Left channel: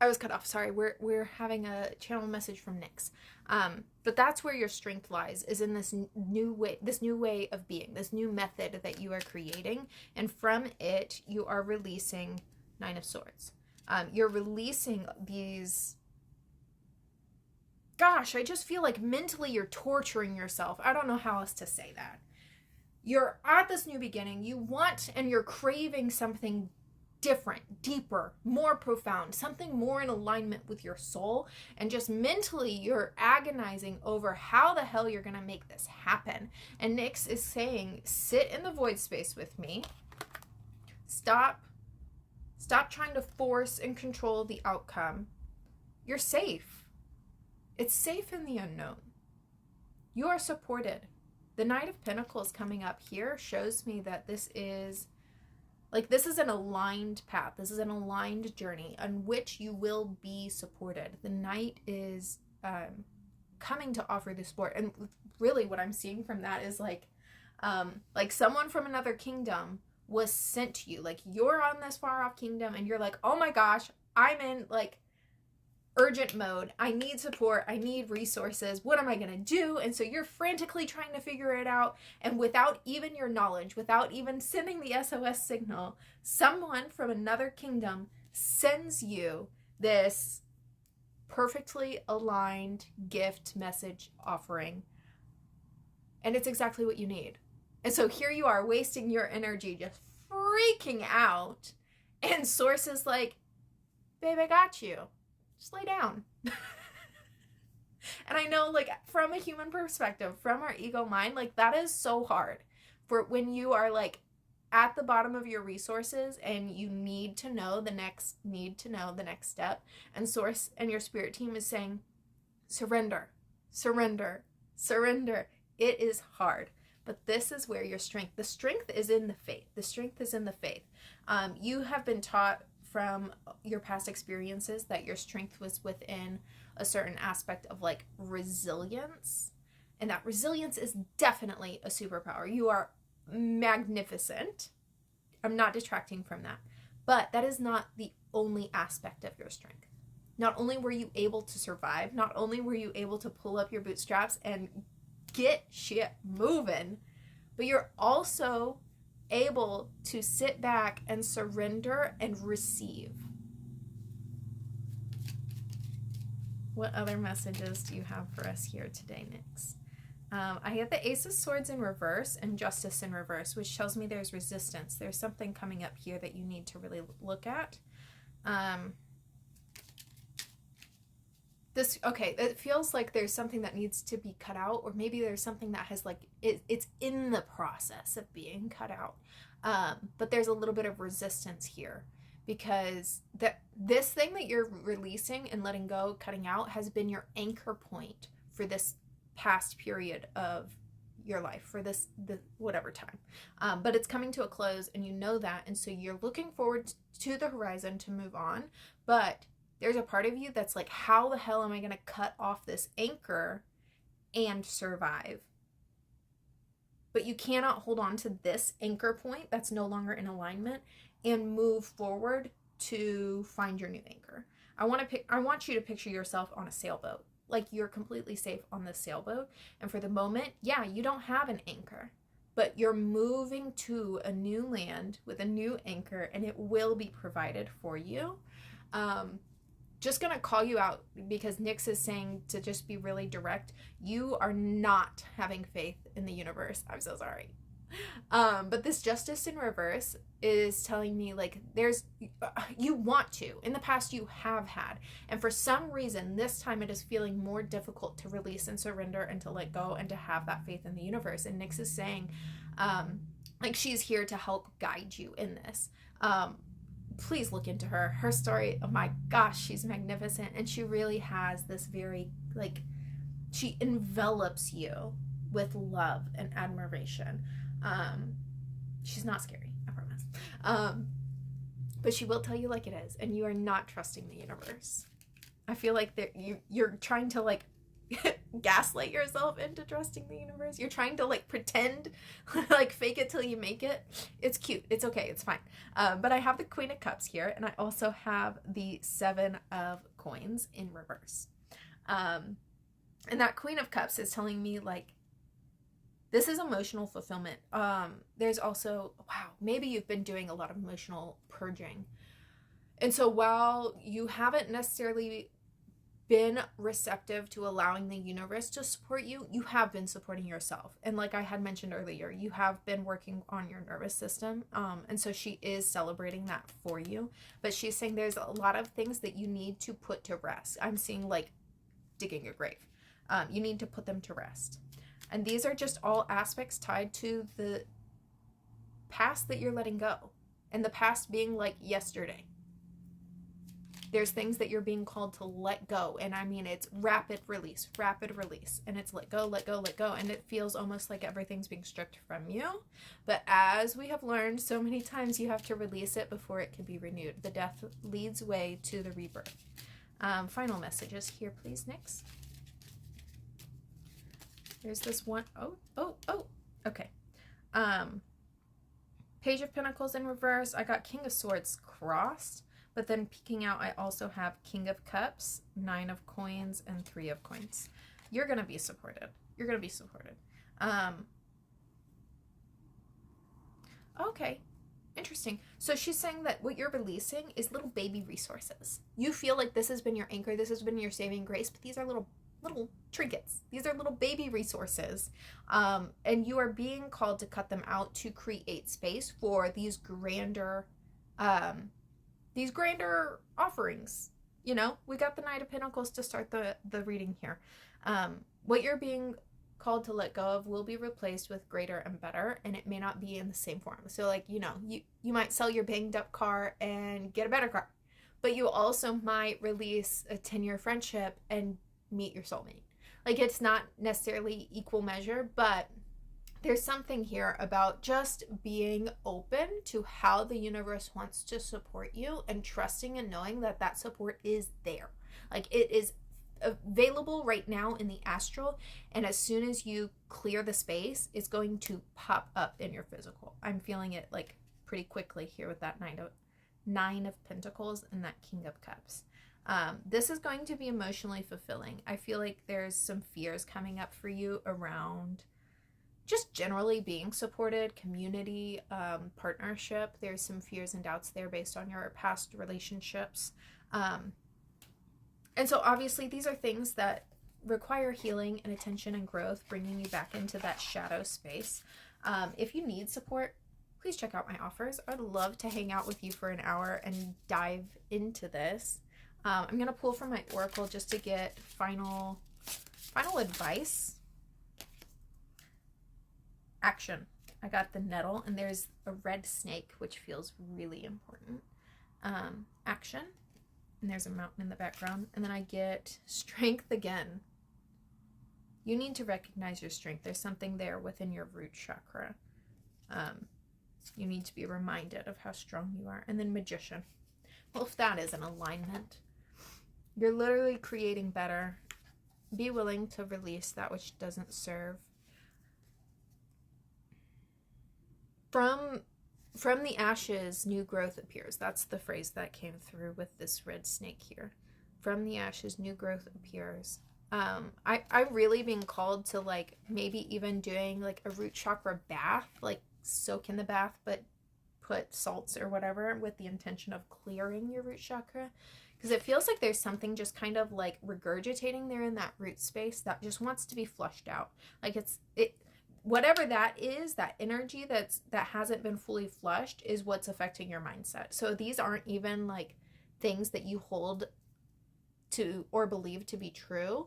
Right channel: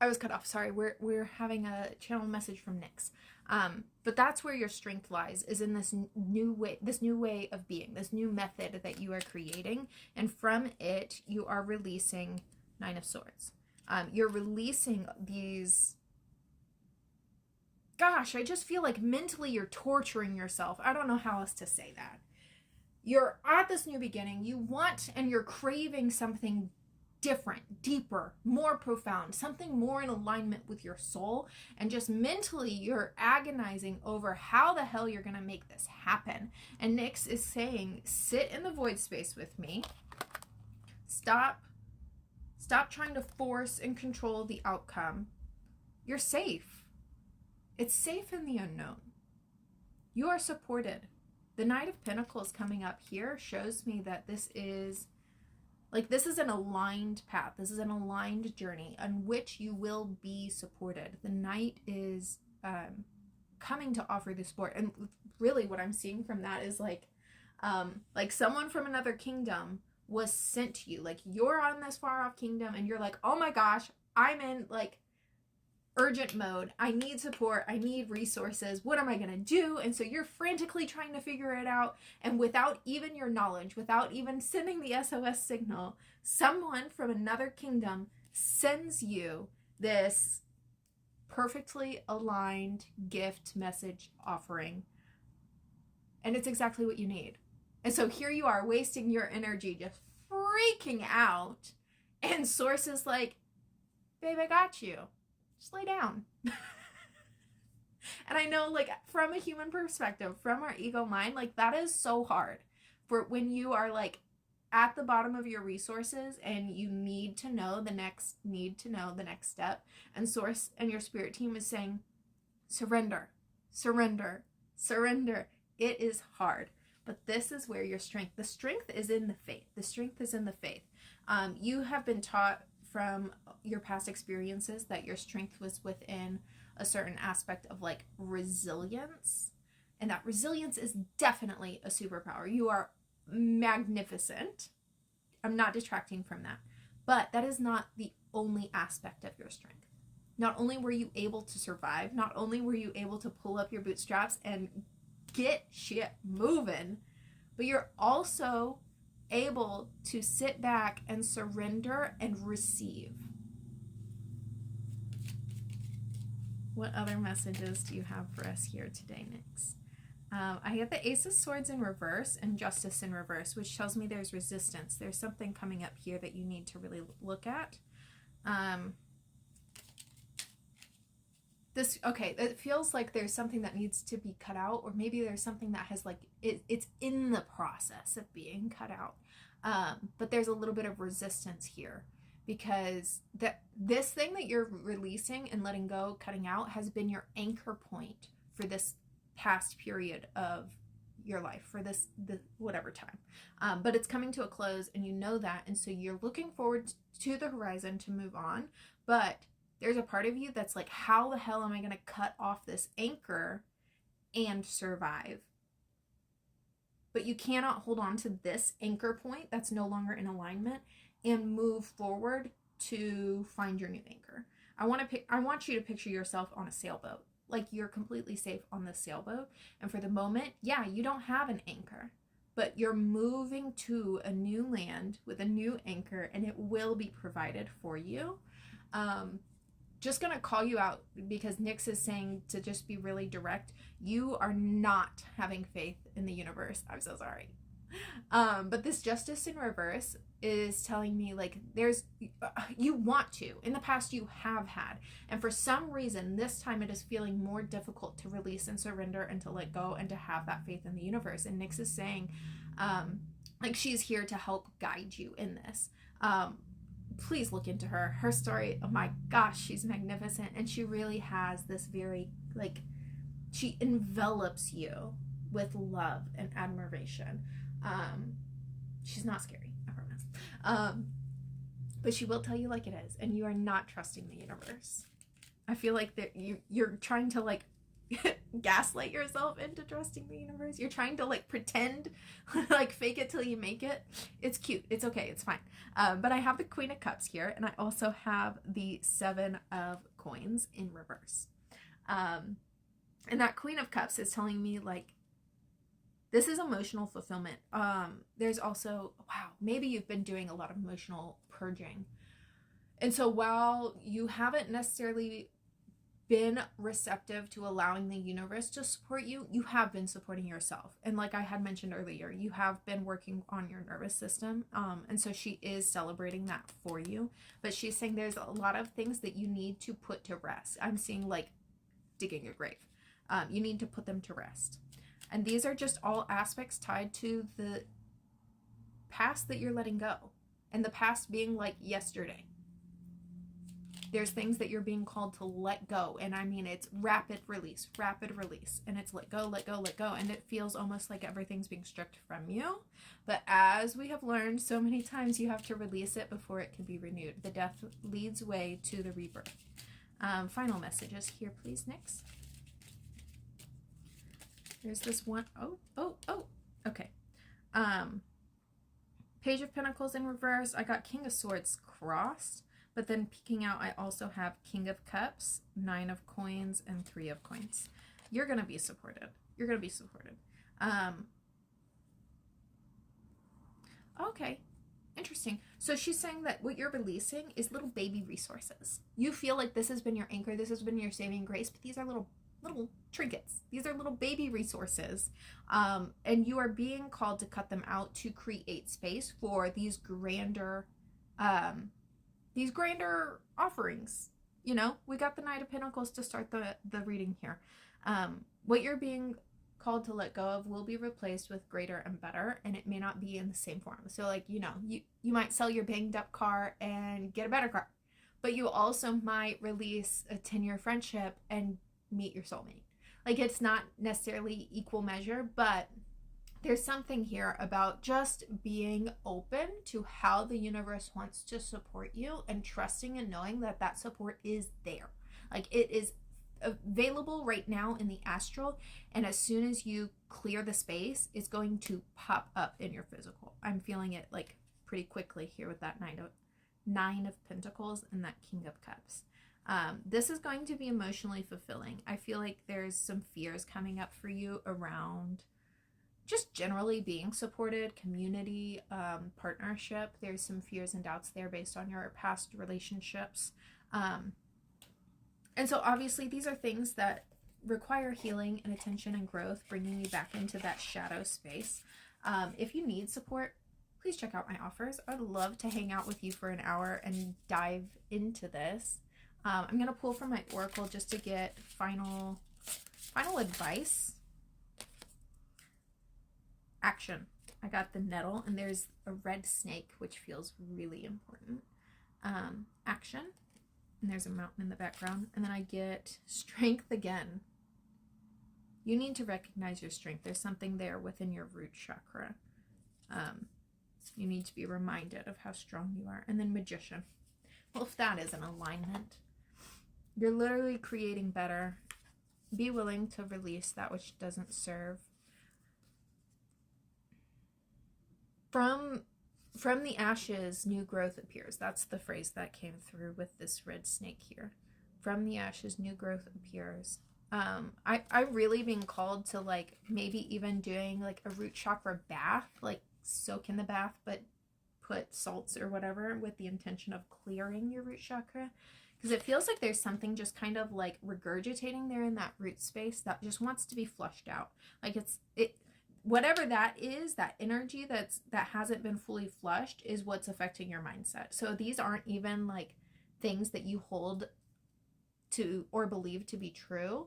I was cut off. Sorry. We're having a channel message from NYX. But that's where your strength lies, is in this new way of being, this new method that you are creating. And from it, you are releasing Nine of Swords. You're releasing these, gosh, I just feel like mentally you're torturing yourself. I don't know how else to say that. You're at this new beginning. You want and you're craving something different, deeper, more profound, something more in alignment with your soul. And just mentally, you're agonizing over how the hell you're going to make this happen. And NYX is saying, sit in the void space with me. Stop trying to force and control the outcome. You're safe. It's safe in the unknown. You are supported. The Knight of Pentacles coming up here shows me that this is an aligned path. This is an aligned journey on which you will be supported. The Knight is coming to offer the support. And really what I'm seeing from that is like someone from another kingdom was sent to you. Like, you're on this far off kingdom and you're like, oh my gosh, I'm in like urgent mode. I need support. I need resources. What am I going to do? And so you're frantically trying to figure it out. And without even your knowledge, without even sending the SOS signal, someone from another kingdom sends you this perfectly aligned gift message offering. And it's exactly what you need. And so here you are wasting your energy just freaking out. And Source is like, babe, I got you. Just lay down. And I know, like, from a human perspective, from our ego mind, like, that is so hard. For when you are, like, at the bottom of your resources and you need to know the next step. And Source and your spirit team is saying, surrender, surrender, surrender. It is hard. But this is where your strength, the strength is in the faith. The strength is in the faith. You have been taught from your past experiences that your strength was within a certain aspect of like resilience. And that resilience is definitely a superpower. You are magnificent. I'm not detracting from that. But that is not the only aspect of your strength. Not only were you able to survive, not only were you able to pull up your bootstraps and get shit moving, but you're also able to sit back and surrender and receive. What other messages do you have for us here today, NYX? I have the Ace of Swords in reverse and Justice in reverse, which tells me there's resistance. There's something coming up here that you need to really look at. It feels like there's something that needs to be cut out, or maybe there's something that has it's in the process of being cut out. But there's a little bit of resistance here because this thing that you're releasing and letting go, cutting out, has been your anchor point for this past period of your life, for the whatever time. But it's coming to a close and you know that, and so you're looking forward to the horizon to move on, but there's a part of you that's like, how the hell am I going to cut off this anchor and survive? But you cannot hold on to this anchor point that's no longer in alignment and move forward to find your new anchor. I want you to picture yourself on a sailboat. Like, you're completely safe on this sailboat. And for the moment, yeah, you don't have an anchor, but you're moving to a new land with a new anchor, and it will be provided for you. Just going to call you out because NYX is saying to just be really direct. You are not having faith in the universe. I'm so sorry. But this Justice in reverse is telling me like you want to. In the past you have had. And for some reason, this time it is feeling more difficult to release and surrender and to let go and to have that faith in the universe. And NYX is saying, like, she's here to help guide you in this. Please look into her story. Oh my gosh, she's magnificent. And she really has this very, like, she envelops you with love and admiration. She's not scary, I promise. But she will tell you like it is, and you are not trusting the universe. I feel like you're trying to like gaslight yourself into trusting the universe. You're trying to like pretend, like fake it till you make it. It's cute. It's okay. It's fine. But I have the Queen of Cups here, and I also have the Seven of Coins in reverse. And that Queen of Cups is telling me like, this is emotional fulfillment. There's also, wow, maybe you've been doing a lot of emotional purging. And so while you haven't necessarily been receptive to allowing the universe to support you, you have been supporting yourself. And like I had mentioned earlier, you have been working on your nervous system. And so she is celebrating that for you. But she's saying there's a lot of things that you need to put to rest. I'm seeing like digging a grave. You need to put them to rest. And these are just all aspects tied to the past that you're letting go. And the past being like yesterday. There's things that you're being called to let go. And I mean, it's rapid release. And it's let go, let go, let go. And it feels almost like everything's being stripped from you. But as we have learned so many times, you have to release it before it can be renewed. The death leads way to the rebirth. Final messages here, please, NYX. There's this one. Oh. Okay. Page of Pentacles in reverse. I got King of Swords crossed. But then peeking out, I also have King of Cups, 9 of Coins, and 3 of Coins. You're going to be supported. You're going to be supported. Okay. Interesting. So she's saying that what you're releasing is little baby resources. You feel like this has been your anchor. This has been your saving grace. But these are little trinkets. These are little baby resources. And you are being called to cut them out to create space for these grander offerings. You know, we got the Knight of Pentacles to start the reading here. What you're being called to let go of will be replaced with greater and better, and it may not be in the same form. So like, you know, you might sell your banged up car and get a better car, but you also might release a 10-year friendship and meet your soulmate. Like, it's not necessarily equal measure, but there's something here about just being open to how the universe wants to support you and trusting and knowing that that support is there. Like, it is available right now in the astral, and as soon as you clear the space, it's going to pop up in your physical. I'm feeling it like pretty quickly here with that Nine of Pentacles and that King of Cups. This is going to be emotionally fulfilling. I feel like there's some fears coming up for you around just generally being supported, community, partnership. There's some fears and doubts there based on your past relationships. And so obviously these are things that require healing and attention and growth, bringing you back into that shadow space. If you need support, please check out my offers. I'd love to hang out with you for an hour and dive into this. I'm going to pull from my oracle just to get final advice. Action. I got the nettle, and there's a red snake, which feels really important. Action. And there's a mountain in the background. And then I get strength again. You need to recognize your strength. There's something there within your root chakra. You need to be reminded of how strong you are. And then magician. Well, if that is an alignment, you're literally creating better. Be willing to release that which doesn't serve. From the ashes, new growth appears. That's the phrase that came through with this red snake here. From the ashes, new growth appears. I really being called to like maybe even doing like a root chakra bath, like soak in the bath, but put salts or whatever with the intention of clearing your root chakra. Because it feels like there's something just kind of like regurgitating there in that root space that just wants to be flushed out. Like whatever that is, that energy that hasn't been fully flushed is what's affecting your mindset. So these aren't even like things that you hold to or believe to be true.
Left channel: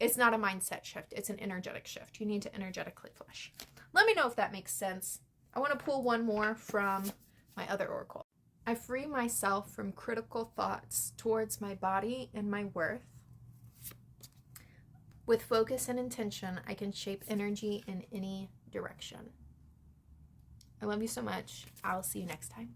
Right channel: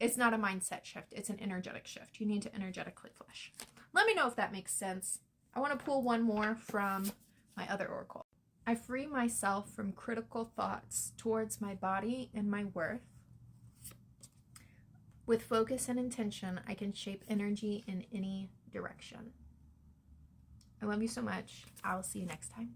It's not a mindset shift. It's an energetic shift. You need to energetically flush. Let me know if that makes sense. I want to pull one more from my other oracle. I free myself from critical thoughts towards my body and my worth. With focus and intention, I can shape energy in any direction. I love you so much. I'll see you next time.